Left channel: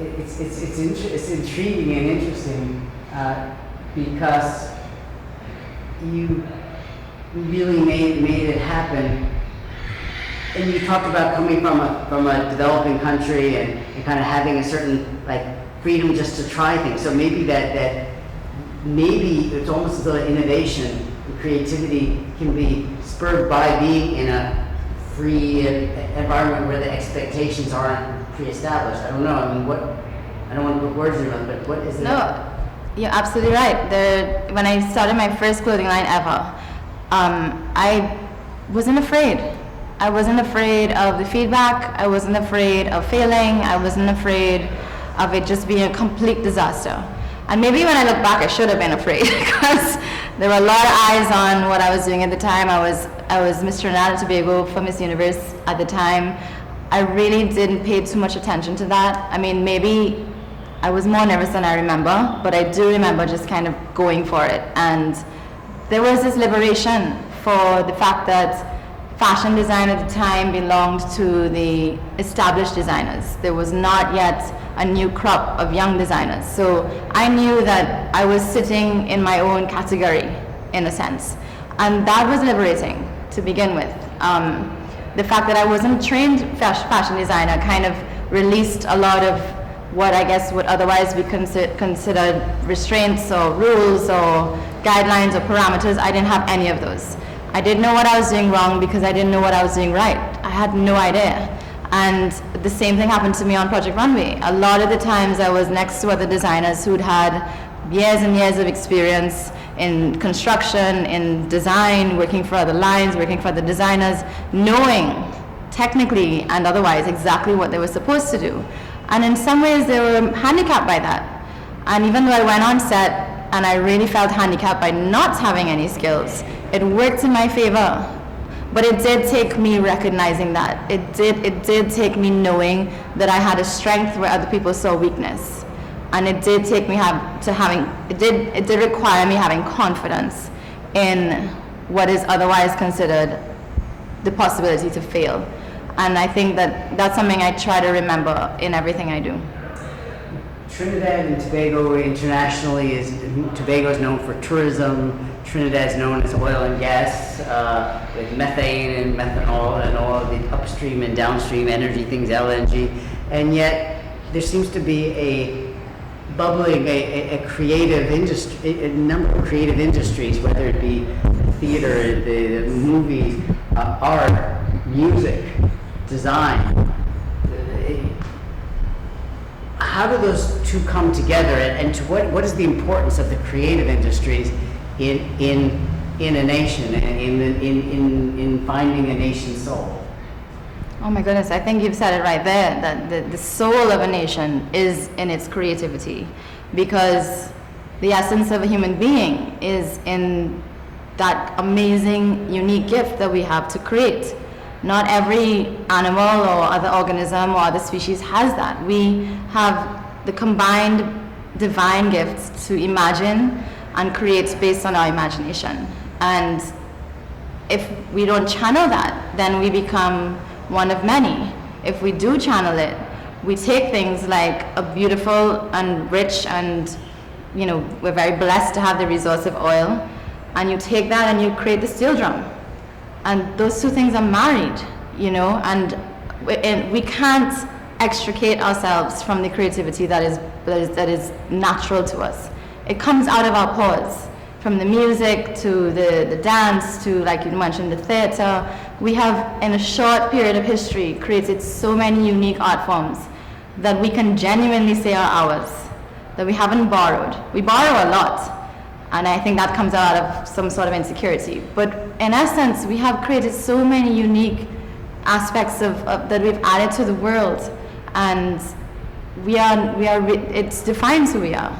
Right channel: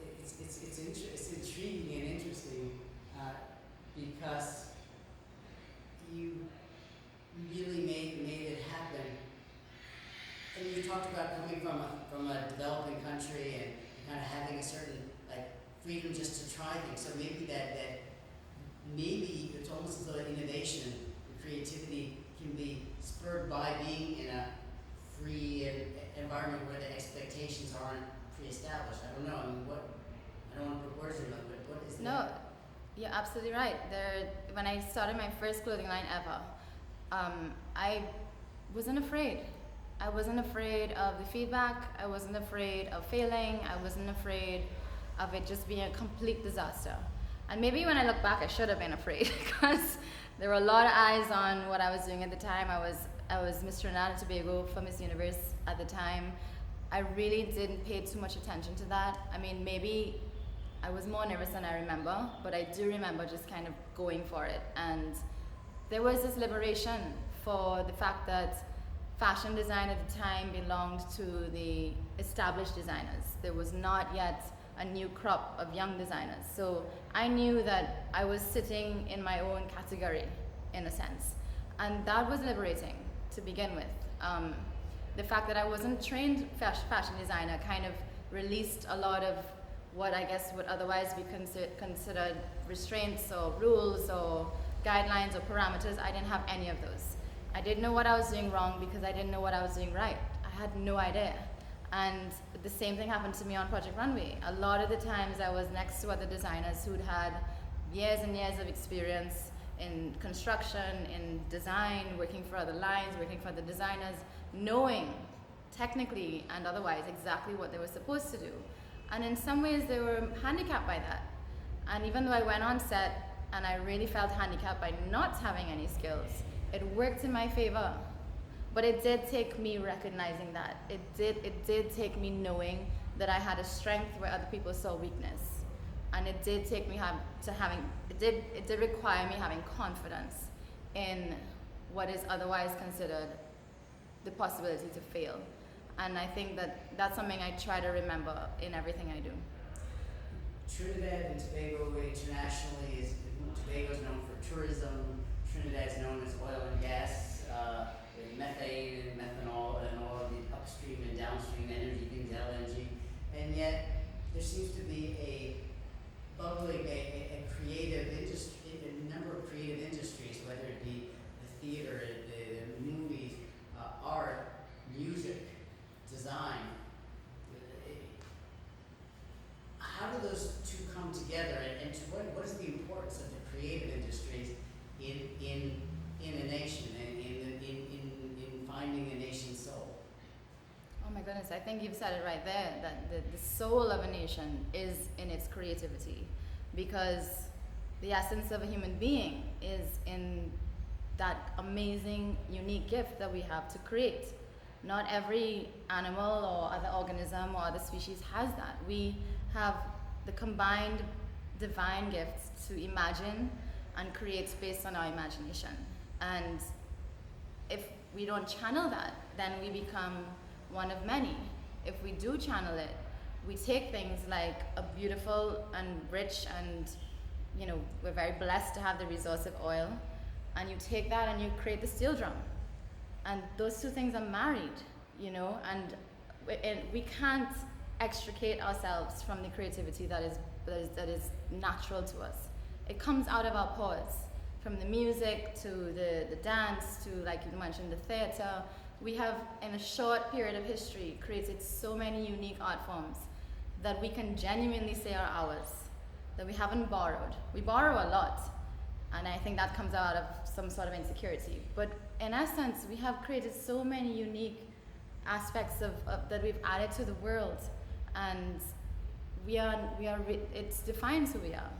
it's intriguing and interesting because you really made it happen. And you talked about coming from a developing country and kind of having a certain like freedom just to try things. So maybe that maybe it's almost as though innovation and creativity can be spurred by being in a free environment where the expectations aren't pre-established. I don't know. I mean, I don't want to put words in your mouth, but what is it? No, you're absolutely right. When I started my first clothing line ever, I wasn't afraid. I wasn't afraid of the feedback. I wasn't afraid of failing. I wasn't afraid of it just being a complete disaster. And maybe when I look back, I should have been afraid because there were a lot of eyes on what I was doing at the time. I was Miss Trinidad and Tobago for Miss Universe at the time. I really didn't pay too much attention to that. I mean, maybe I was more nervous than I remember, but I do remember just kind of going for it. And there was this liberation for the fact that fashion design at the time belonged to the established designers. There was not yet a new crop of young designers. So I knew that I was sitting in my own category, in a sense. And that was liberating to begin with. The fact that I wasn't a trained fashion designer kind of released a lot of what I guess would otherwise be considered restraints or rules or guidelines or parameters. I didn't have any of those. I didn't know what I was doing wrong because I didn't know what I was doing right. I had no idea. And the same thing happened to me on Project Runway. A lot of the times I was next to other designers who'd had years and years of experience in construction, in design, working for other lines, working for other designers, knowing technically and otherwise exactly what they were supposed to do. And in some ways they were handicapped by that. And even though I went on set and I really felt handicapped by not having any skills, it worked in my favor. But it did take me recognizing that. It did take me knowing that I had a strength where other people saw weakness. And it did take me it did require me having confidence in what is otherwise considered the possibility to fail. And I think that that's something I try to remember in everything I do. Trinidad and Tobago internationally Tobago is known for tourism. Trinidad is known as oil and gas, with methane and methanol and all of the upstream and downstream energy things, LNG. And yet there seems to be a creative industry, a number of creative industries, whether it be theater, the movies, art, music, design. How do those two come together, and to what is the importance of the creative industries in a nation, in finding a nation's soul? Oh my goodness, I think you've said it right there, that the soul of a nation is in its creativity, because the essence of a human being is in that amazing, unique gift that we have to create. Not every animal or other organism or other species has that. We have the combined divine gifts to imagine and create based on our imagination. And if we don't channel that, then we become one of many. If we do channel it, we take things like a beautiful and rich and, we're very blessed to have the resource of oil, and you take that and you create the steel drum. And those two things are married, and we can't extricate ourselves from the creativity that is natural to us. It comes out of our pores, from the music to the dance to, like you mentioned, the theater. We have, in a short period of history, created so many unique art forms that we can genuinely say are ours, that we haven't borrowed. We borrow a lot, and I think that comes out of some sort of insecurity. But in essence, we have created so many unique aspects that we've added to the world, and it defines who we are.